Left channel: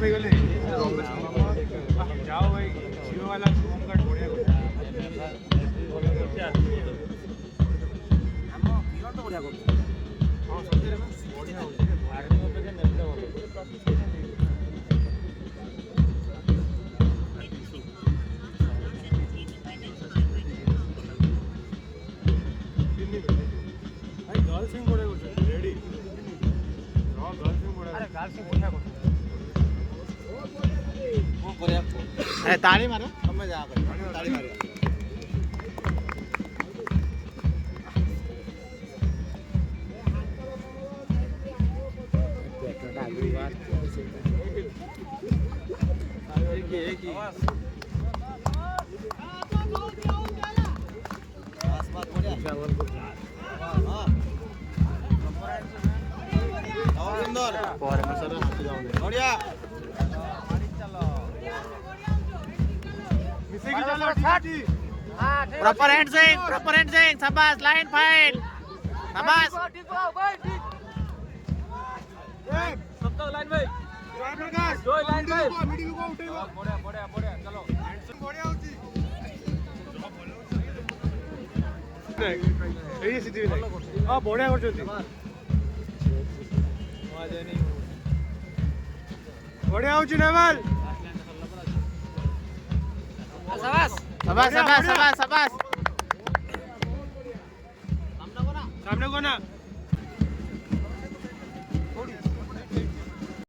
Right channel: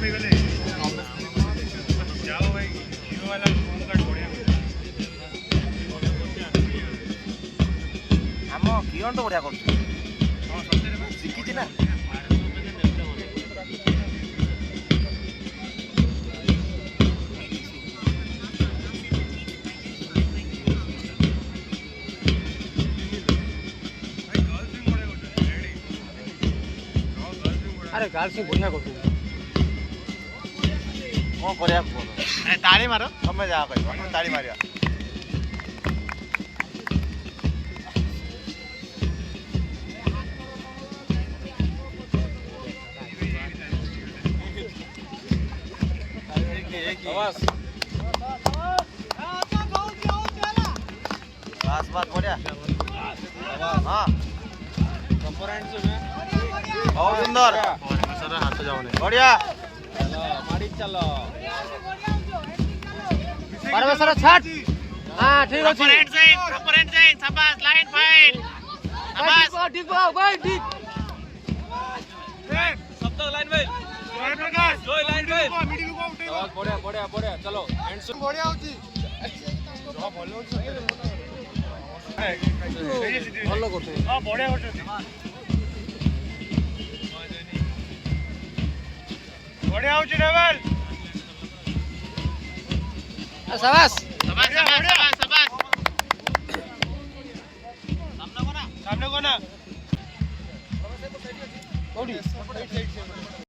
पे गले रमेश जाओ भाई जियो वाला होम कार्ड बढ़िया आम किरण तो बढ़िया कर हां सत्य में शिखी ना भाई गर्ल सिंग बढ़िया करते रेडी हां गर्ल सिंग बढ़िया अरे गर्ल सिंग बढ़िया करते कौन बढ़िया अरे ताली मारो तमें जहाँ कह ताली मारिया बस बात बढ़िया हाँ बहुत सुंदर सर हाथ जाओ नहीं बढ़िया प्रॉपर हैंड शाबाश लाइन फाइल शाबाश ठीक हो भाई ठीक सब तक लाइन भाई प्रकाश जो लाइन भाई मिडिल को उठेइबो बढ़िया बढ़िया बढ़िया चलो एंड बढ़िया होची जो भलो होची एई सिद्धि भलो करछ हां बढ़िया करछ बढ़िया होची नेवल शाबाश शाबाश शाबाश शाबाश सामने को ना